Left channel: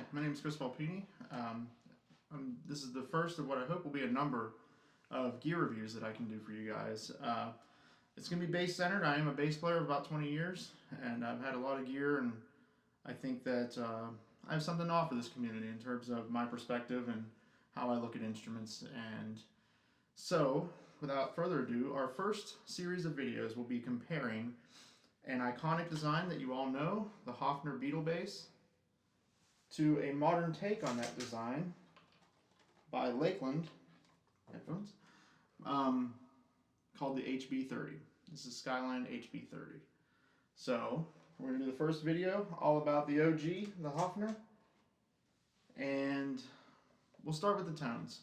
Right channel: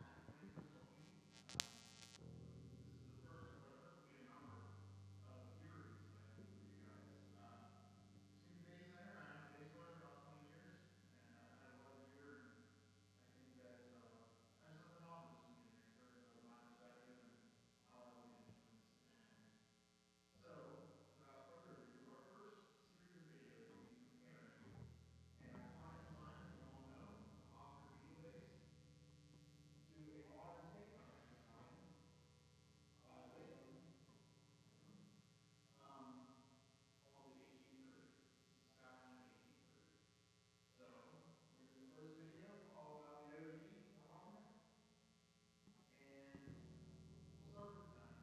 Hi, my name is Sir Paul McCartney. This is the first of what I hope will be a number of gear reviews that I can do for you guys. It's going to be bass centered. I am a bass player of about 20 years, and I've had a lot of gear, and I think that I have something to offer this community in terms of my perspective and how I look at instruments. And so, without further ado, our first series of videos will be comparing an iconic design that you all know, the Hofner Beatle Bass, to a modern take on that design by Lakland headphones, called the HB30. This is Skyline HB30. So we're going to do the first video all about the OG, the Hofner, and we'll start with the tones.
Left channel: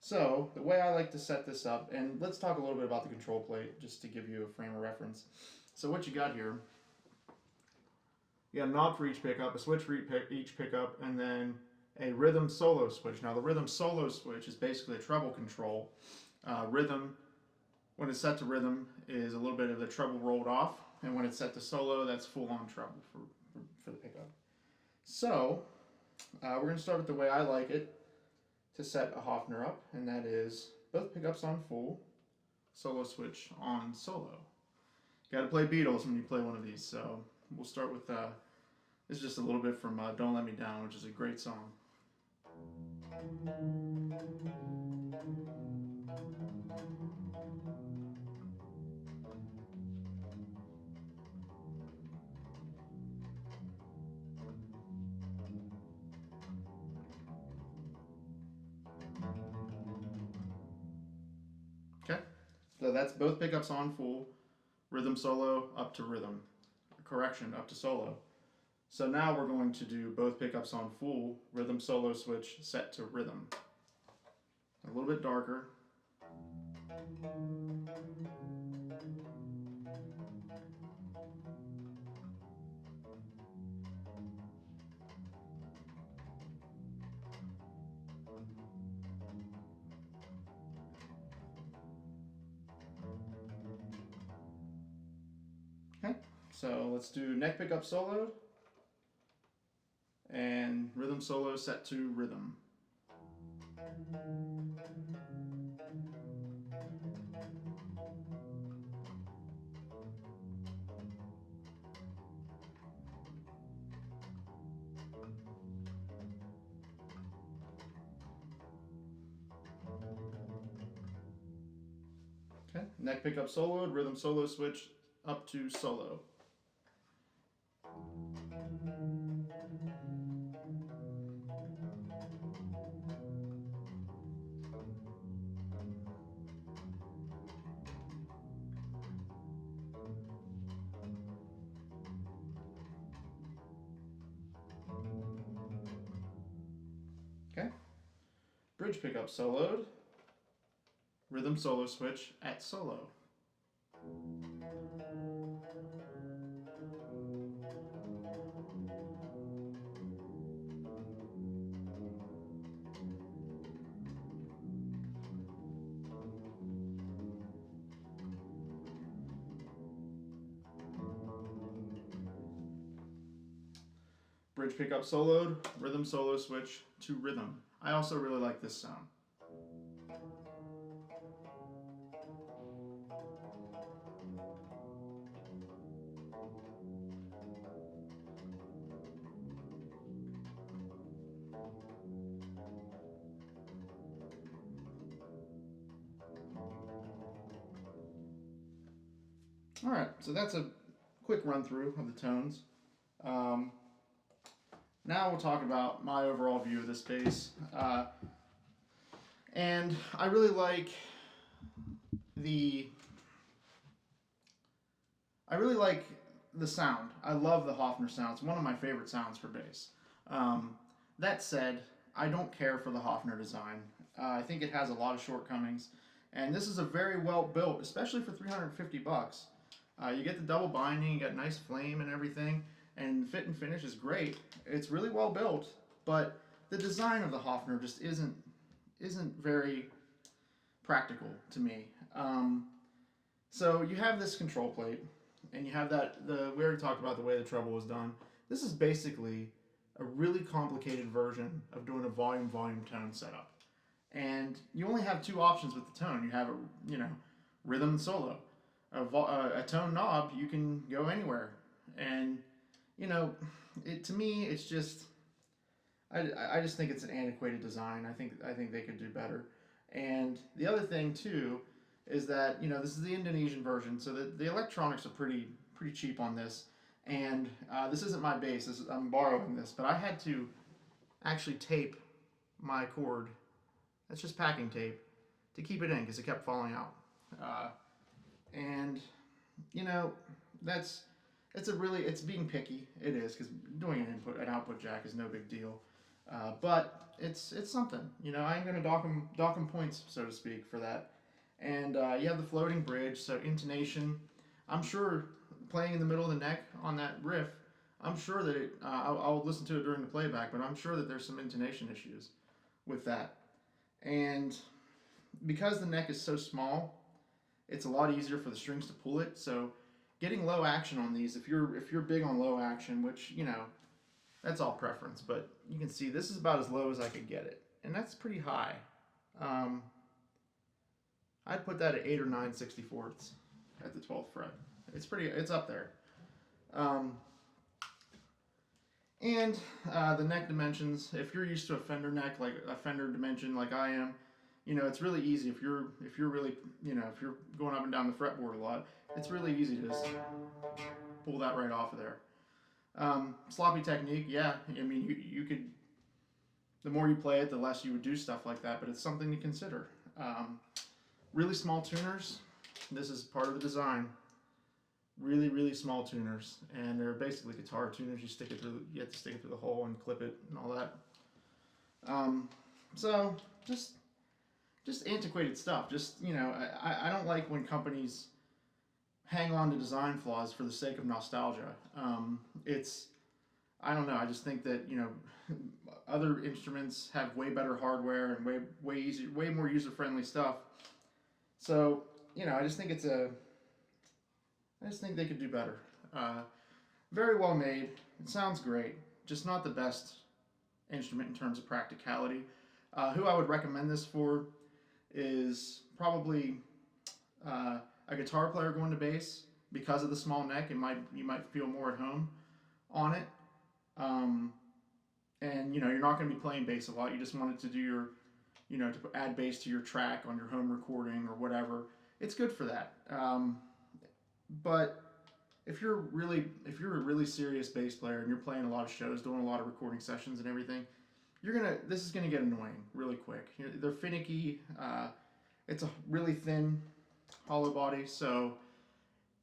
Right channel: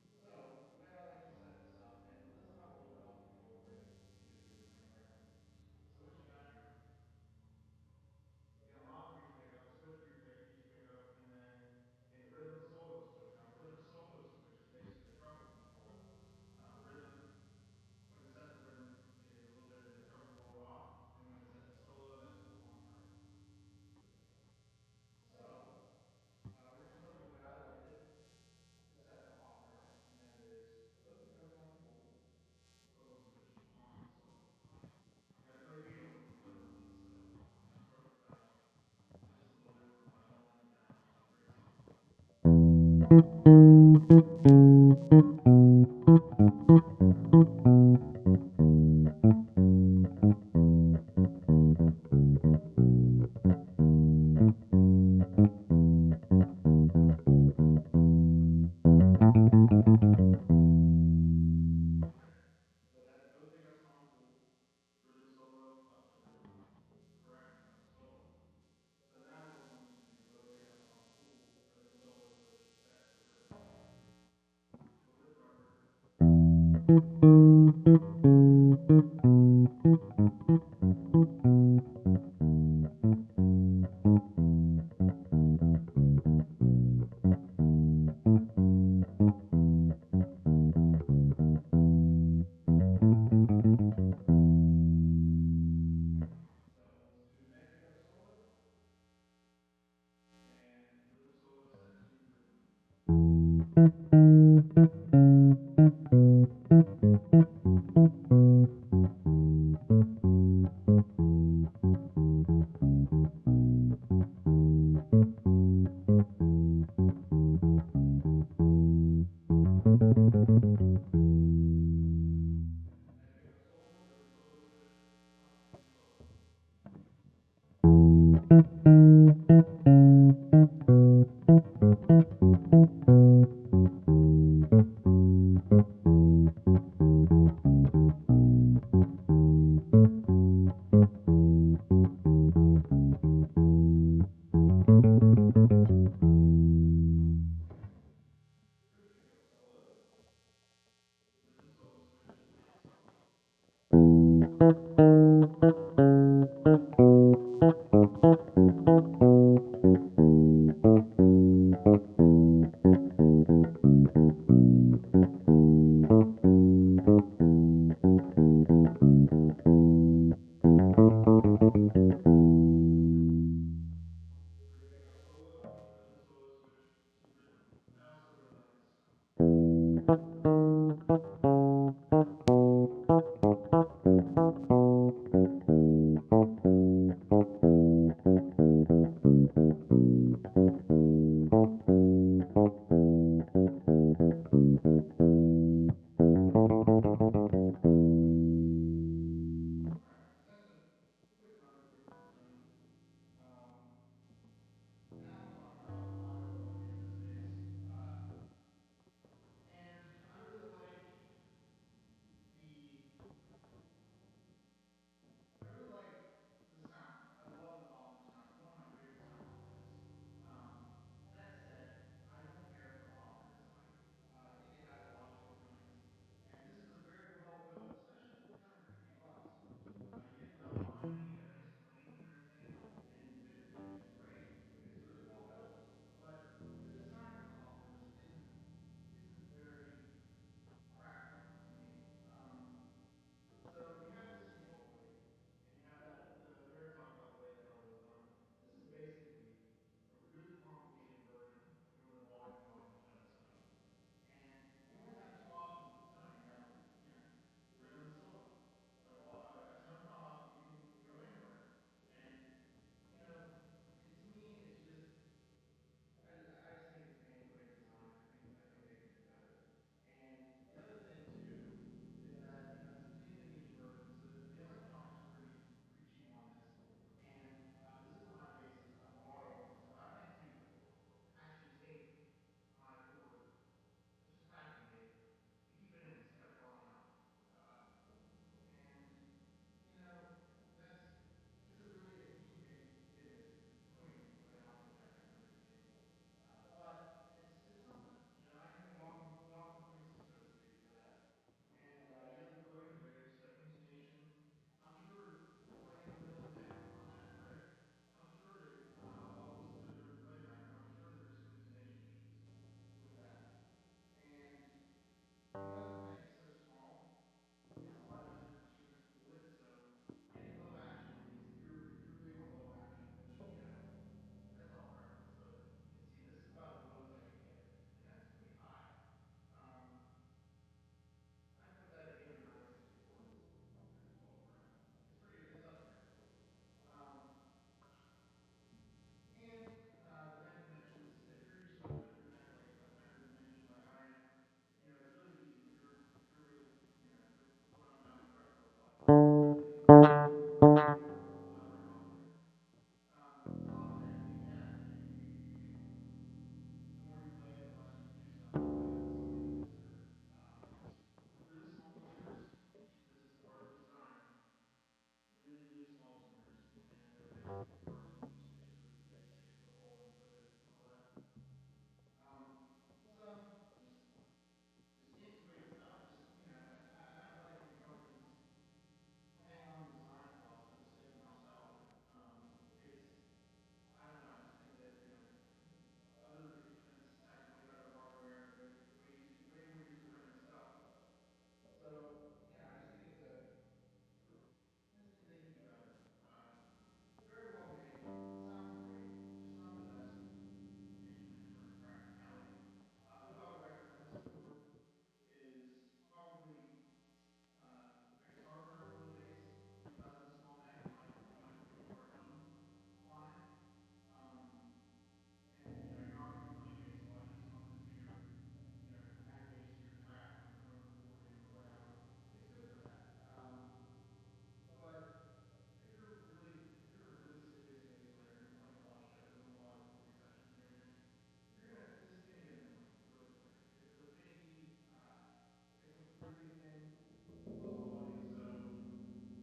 So the way I like to set this up, and let's talk a little bit about the control plate just to give you a frame of reference. So what you got here, you got a knob for each pickup, a switch for each pickup, and then a rhythm solo switch. Now the rhythm solo switch is basically a treble control. Rhythm, when it's set to rhythm, is a little bit of the treble rolled off, and when it's set to solo, that's full on treble for the pickup. So we're going to start with the way I like it to set a Hofner up, and that is both pickups on full, solo switch on solo. You got to play Beatles when you play one of these, so we'll start with this is just a little bit from Don't Let Me Down, which is a great song. Okay, so that's both pickups on full, rhythm solo up to rhythm, correction, up to solo. So now we're going to do both pickups on full, rhythm solo switch set to rhythm. A little bit darker. Okay, so let's do neck pickup soloed and rhythm solo set to rhythm. Okay, neck pickup soloed, rhythm solo switch up to solo. Okay, bridge pickup soloed, rhythm solo switch at solo. Bridge pickup soloed, rhythm solo switch to rhythm. I also really like this sound. Alright, so that's a quick run through of the tones. Now we'll talk about my overall view of this bass. And I really like the sound. I love the Hofner sound. It's one of my favorite sounds for bass. That said, I don't care for the Hofner design. I think it has a lot of shortcomings, and this is a very well built, especially for 350 bucks. You get the double binding, you got nice flame and everything, and fit and finish is great. It's really well built, but the design of the Hofner just isn't very practical to me. So you have this control plate, and you have we already talked about the way the treble was done. This is basically a really complicated version of doing a volume tone setup. And you only have two options with the tone. You have a rhythm and solo. A tone knob, you can go anywhere. And to me, it's just I just think it's an antiquated design. I think they could do better. And the other thing too is that this is the Indonesian version, so the electronics are pretty cheap on this. And this isn't my bass. I'm borrowing this, but I had to actually tape my cord. That's just packing tape to keep it in because it kept falling out. And that's it's being picky. It is, because doing an output jack is no big deal. But it's something. I ain't gonna dock 'em points, so to speak, for that. And you have the floating bridge, so intonation. I'm sure playing in the middle of the neck on that riff, I'm sure that I'll listen to it during the playback, but I'm sure that there's some intonation issues with that. And because the neck is so small, it's a lot easier for the strings to pull it. So getting low action on these, if you're big on low action, which that's all preference, but you can see this is about as low as I could get it, and that's pretty high. I'd put that at 8 or 9/64 at the 12th fret. It's up there. And the neck dimensions, if you're used to a Fender neck, like a Fender dimension like I am, it's really easy. If you're really, if you're going up and down the fretboard a lot, it's really easy to just pull that right off of there. Sloppy technique, yeah. I mean, you could, the more you play it, the less you would do stuff like that, but it's something to consider. Really small tuners, this is part of the design. Really, really small tuners, and they're basically guitar tuners. You have to stick it through the hole and clip it and all that. So just antiquated stuff. I don't like when companies hang on to design flaws for the sake of nostalgia. I don't know. I just think that other instruments have way better hardware and way more user-friendly stuff. So I just think they could do better. Very well made. It sounds great. Just not the best instrument in terms of practicality. Who I would recommend this for is probably a guitar player going to bass. Because of the small neck, you might feel more at home on it. And you're not going to be playing bass a lot. You just wanted to do your, to add bass to your track on your home recording or whatever. It's good for that. But if you're a really serious bass player and you're playing a lot of shows, doing a lot of recording sessions and everything, this is gonna get annoying really quick. They're finicky. It's a really thin hollow body, so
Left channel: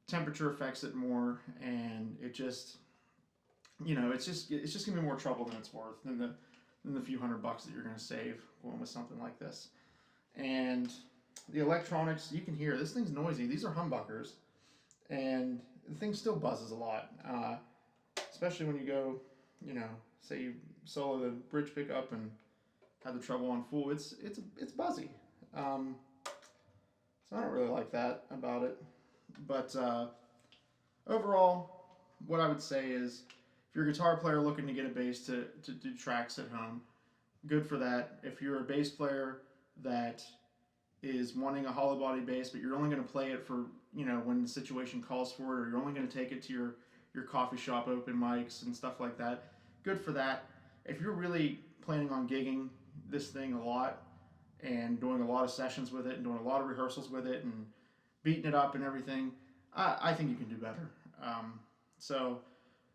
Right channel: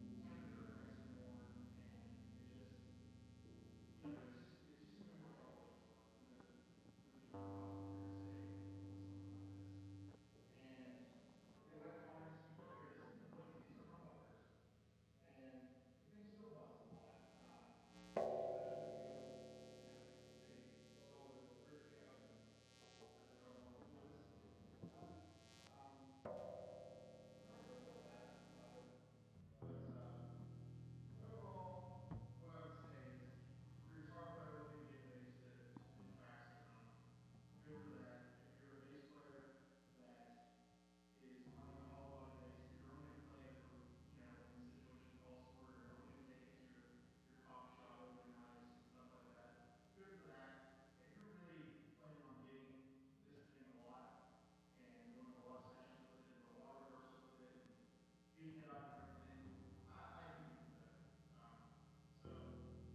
temperature affects it more, and it's just gonna be more trouble than it's worth than the few $100 that you're gonna save going with something like this. And the electronics, you can hear this thing's noisy. These are humbuckers. And the thing still buzzes a lot, especially when you go, say you solo the bridge pickup and have the treble on full. It's buzzy. So I don't really like that about it. But overall, what I would say is, if you're a guitar player looking to get a bass to do tracks at home, good for that. If you're a bass player that is wanting a hollow body bass, but you're only going to play it for when the situation calls for it, or you're only going to take it to your coffee shop open mics and stuff like that, good for that. If you're really planning on gigging this thing a lot and doing a lot of sessions with it and doing a lot of rehearsals with it and beating it up and everything, I think you can do better. So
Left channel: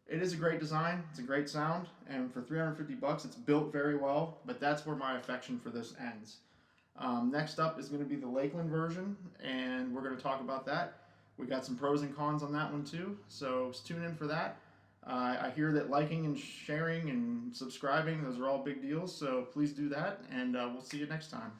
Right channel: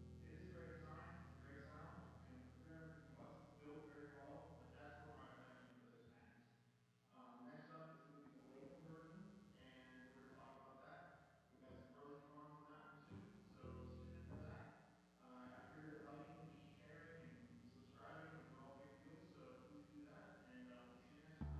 it is a great design, it's a great sound, and for $350 it's built very well, but that's where my affection for this ends. Next up is going to be the Lakland version, and we're going to talk about that. We got some pros and cons on that one too, so tune in for that. I hear that liking and sharing and subscribing, those are all big deals, so please do that, and we'll see you next time.